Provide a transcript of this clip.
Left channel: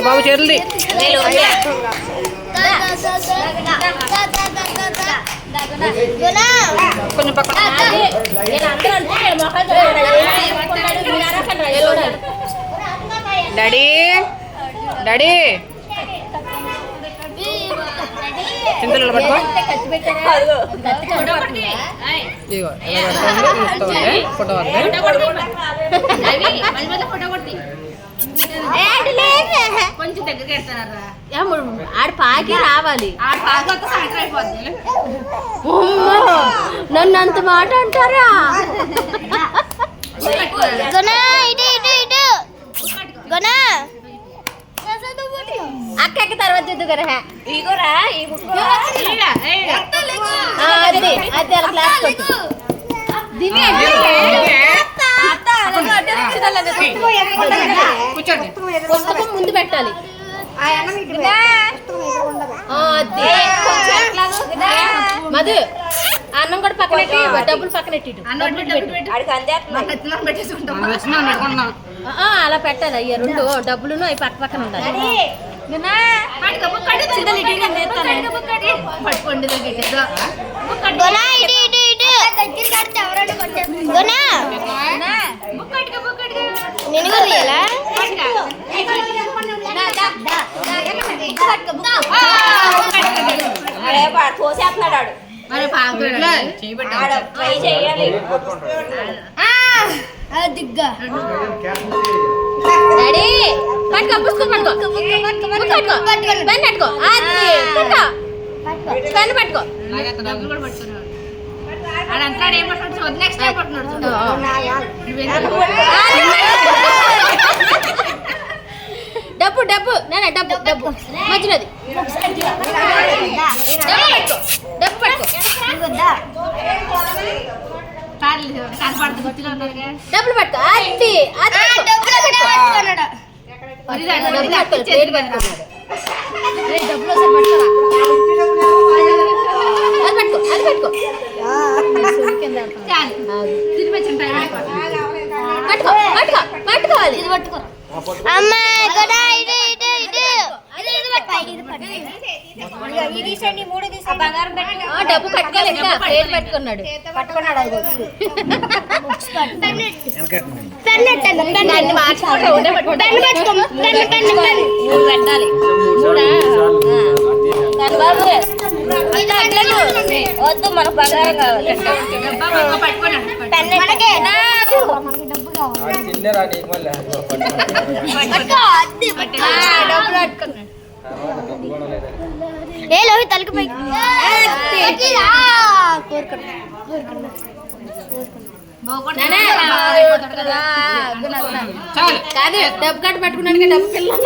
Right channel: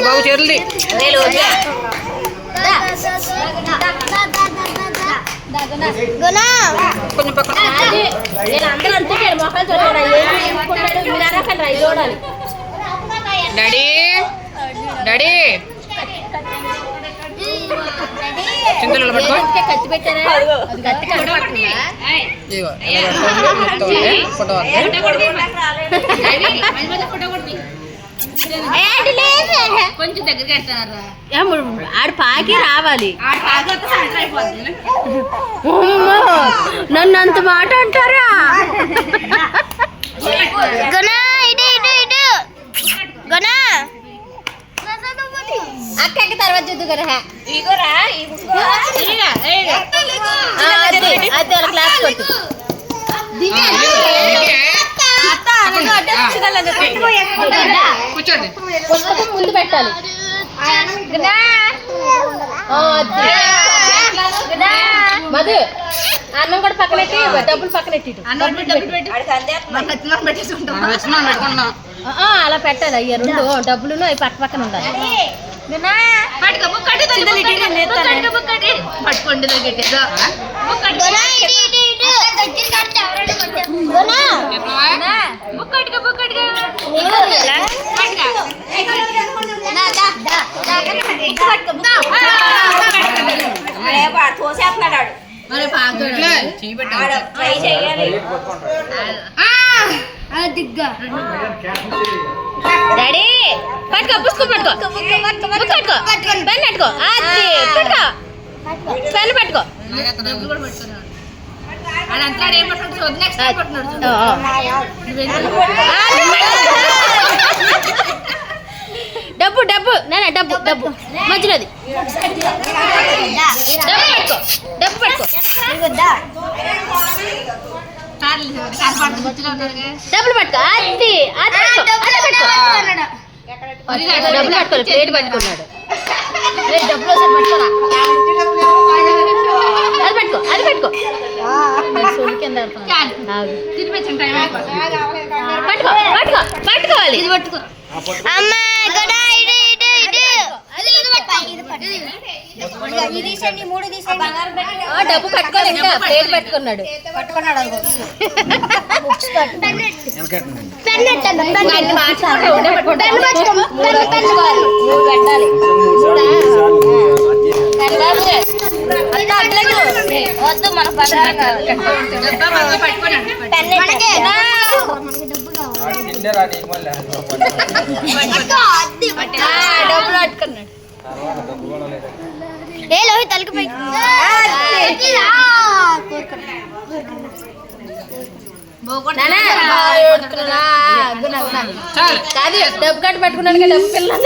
బాబు చేరుంది కొంచెం పక్కన daddy daddy చింతలు పట్టుకో ఫోటో కొంచెం దగ్గరికి వెళ్తున్నారా ఆడు పాకి రావాలి నన్ను అంత మాట అంటారా అక్కకి తర్వాత చూద్దు కదా అది అలా క్లాస్ కొట్టు కూర్చోండి పుస్తకం ముందు పెట్టాలి మధు అన్నం కూడా పక్కనెట్టి డబ్బులు పక్కనెట్టి అలా పెట్టాలి అయ్యా రెండు డబ్బులు అవి పక్క పక్కన ఉండాలి పట్టుకోండి డాడీ పట్టుకో పుస్తకం పట్టుకో పెన్ పట్టుకో పెన్ పట్టుకో డబ్బు డబ్బు నాన్న డబ్బు డబ్బు మధ్యలోది డబ్బు పట్టుకో డబ్బులు పట్టుకో అది పట్టుకున్నాడు అది పెట్టుకో పట్టుకోవాలి ఇది పట్టుకో డబ్బు పట్టుకోవాలి ఇంకా పేరు పట్టుకున్నాడు పెట్టాలి వద్దు మన ఏ లోహి తలకి పై కాదు డబ్బు కట్టు పట్టుకున్నాను డబ్బు పిల్లలు